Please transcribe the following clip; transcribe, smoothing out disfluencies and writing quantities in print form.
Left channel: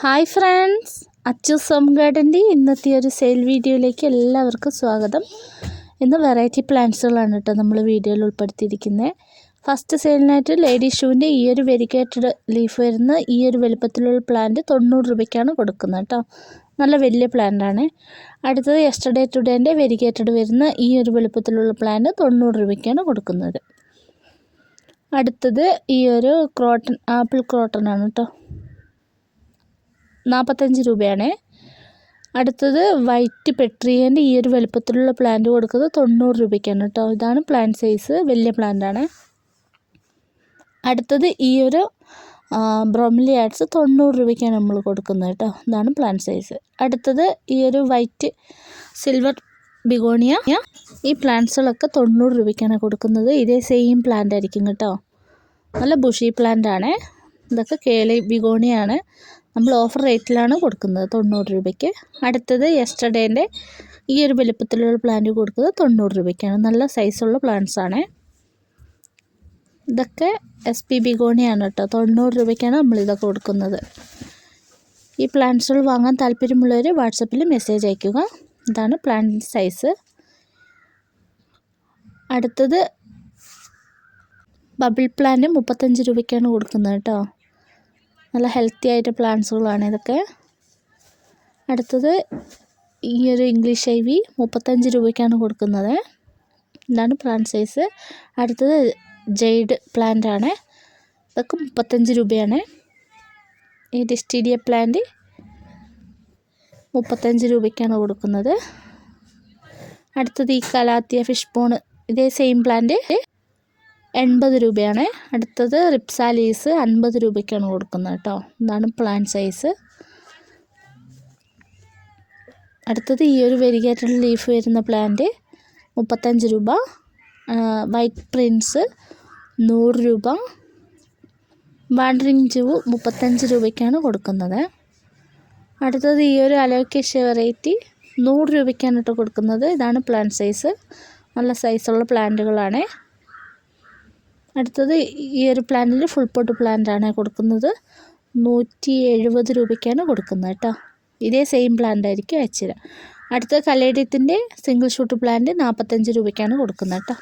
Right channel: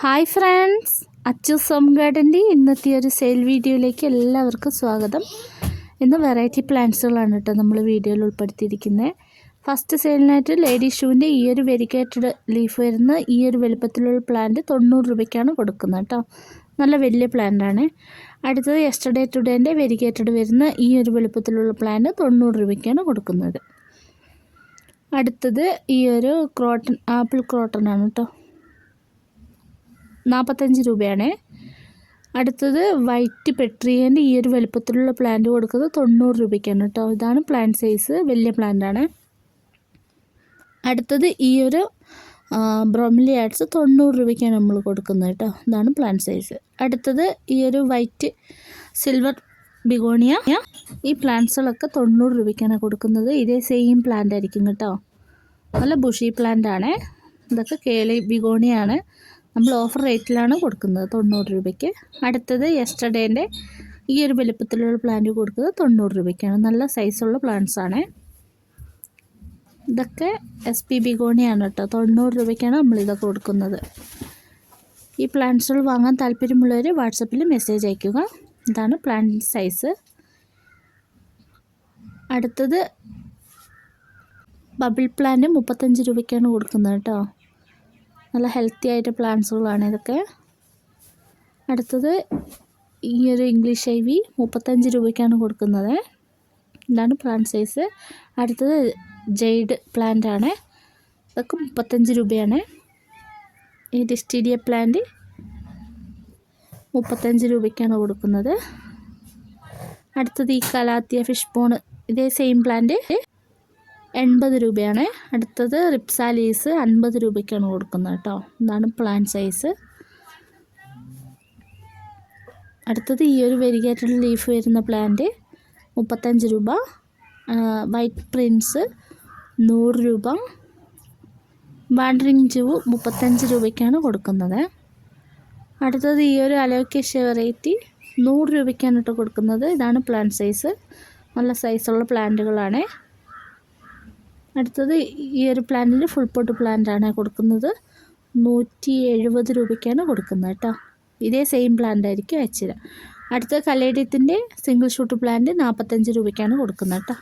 Hi friends, Achus home ഗാർഡൻ്റെ ഇന്നത്തെ ഒരു sale വീഡിയോയിലേക്ക് എല്ലാവർക്കും സ്വാഗതം. ഇന്ന് വെറൈറ്റി പ്ലാന്റ്സുകളാണ് കേട്ടോ നമ്മൾ വീഡിയോയിൽ ഉൾപ്പെടുത്തിയിരിക്കുന്നത്. ഫസ്റ്റ് സെയിലിനായിട്ട് ലേഡി ഷൂവിൻ്റെ ഈ ഒരു വെരിഗേറ്റഡ് ലീഫ് വരുന്ന ഈ ഒരു വലുപ്പത്തിലുള്ള പ്ലാന്റ് 90 രൂപയ്ക്കാണ് കൊടുക്കുന്നത് കേട്ടോ. നല്ല വലിയ പ്ലാന്റാണ്. അടുത്തത് യെസ്റ്റർഡേ ടുഡേൻ്റെ വെരിഗേറ്റഡ് വരുന്ന ഈ ഒരു വലുപ്പത്തിലുള്ള പ്ലാന്റ് 90 രൂപയ്ക്കാണ് കൊടുക്കുന്നത്. അടുത്തത് ഈ ഒരു ആപ്പിൾ ക്രോട്ടൺ ആണ് കേട്ടോ, 45 രൂപയാണ്. അടുത്തത് വൈറ്റ് പെട്രിയൻ്റെ ഈ ഒരു വലുപ്പത്തിലുള്ള പ്ലാന്റ് കൊടുക്കുന്നത് 90 രൂപയ്ക്കാണ് കേട്ടോ. ഇതാണ് പ്ലാന്റ് സൈസ്, വലിയ പ്ലാന്റാണ്. അടുത്തത് ഈ ഒരു ബ്രോമിലിയാഡ്സ് 90 രൂപയ്ക്കാണ് നമ്മൾ കൊടുക്കുന്നത് കേട്ടോ. ഇതാണ് പ്ലാന്റ് സൈസ്. അടുത്തത് ഈ ഒരു വൈറ്റ് സിൽവർ ബിഗോണിയ, ഈ പ്ലാന്റ്സുകളൊക്കെ 90 രൂപയ്ക്കാണ് കൊടുക്കുന്നത്. ഇതേ സെയിം പ്ലാന്റ് ആയിരിക്കും കേട്ടോ. നല്ല ബുഷി പ്ലാന്റ് ആണ്. ഇതൊക്കെ കേളി ബിഗോണിയാണ്. നമ്മൾ ഓഫർ റേറ്റിലാണ് കൊടുക്കുന്നത് 90 രൂപയ്ക്ക്. അടുത്തത് യെസ്റ്റർഡേൻ്റെ ഈ ഒരു വലുപ്പത്തിലുള്ള പ്ലാന്റ് കൊടുക്കുന്നത് 90 രൂപയ്ക്കാണ്. നല്ല സൈസുള്ള പ്ലാന്റ്സ് ആണ്. ഇതൊക്കെ SP ബിഗോണിയാണ് കേട്ടോ. 90 രൂപയ്ക്കാണ് നമ്മളിതൊക്കെ കൊടുക്കുന്നത്. ഈ പ്ലാന്റ്സുകൾ വാങ്ങാൻ താല്പര്യമുള്ളവർ വാട്സപ്പിൽ മെസ്സേജ് അയയ്ക്കുക. ഇതാണ് പ്ലാന്റ് സൈസ്. അടുത്തത് ബബിൾ പ്ലാന്റ് 35 രൂപയ്ക്കാണ് കൊടുക്കുന്നത് കേട്ടോ. നല്ല ഹെൽത്തി ആയിട്ട് പ്ലാന്റ്സുകളാണ് ഇതൊക്കെ. അടുത്തത് ഈ ഒരു ഇംഗ്ലീഷ് ഐവി 35 രൂപയ്ക്കാണ് കൊടുക്കുന്നത്. ഇതാണ് പ്ലാന്റ് സൈസ്. അടുത്തത് ജെയ്ഡ് പ്ലാന്റ് ആണ്. ഇതൊക്കെ 35 രൂപയാണ്. ഈ ഡിസ്റ്റീരിയ പ്ലാന്റ് 35 രൂപയ്ക്കാണ് കൊടുക്കുന്നത്. അടുത്തത് ഈ കലാത്തിയ ഫിഷ് പോണ്, ഇതേ സെയിം പ്ലാന്റ് 80 രൂപയാണ്. അടുത്തത് റിപ്സാലീസ് 50 രൂപയ്ക്കാണ് കൊടുക്കുന്നത് കേട്ടോ. ഇതാണ് പ്ലാന്റ് സൈസ്. അടുത്തത് ഈ ഒരു വെരിഗേറ്റഡ് ലീഫ് വരുന്ന പ്ലാന്റ് 35 രൂപ. വൈറ്റ് പ്രിൻസ് 100 രൂപ. വാണ്ടറിങ് ജൂ 35 രൂപയ്ക്കാണ് കൊടുക്കുന്നത്. അടുത്തത് ഈ ഒരു അലോക്കേഷ്യ വെറൈറ്റി 100 രൂപയ്ക്കാണ് കേട്ടോ കൊടുക്കുന്നത്. ഇതാണ് പ്ലാന്റ് സൈസ്. നല്ല സൈസുള്ള പ്ലാന്റുകളാണ്. അടുത്തത് ഈ ഒരു പ്ലാന്റിൽ ഫുൾ പോട്ട് പ്ലാന്റ് ആണ് കൊടുക്കുന്നത്. 170 രൂപയ്ക്കാണ് കൊടുക്കുന്നത് കേട്ടോ. ഇതേ സെയിം പ്ലാന്റ് ആയിരിക്കും അയച്ചുതരാം. അടുത്ത കലേഡിയത്തിൻ്റെ സിംഗിൾ ഷൂട്ട് പ്ലാന്റ് 45 രൂപയ്ക്കാണ് കൊടുക്കുന്നത് കേട്ടോ.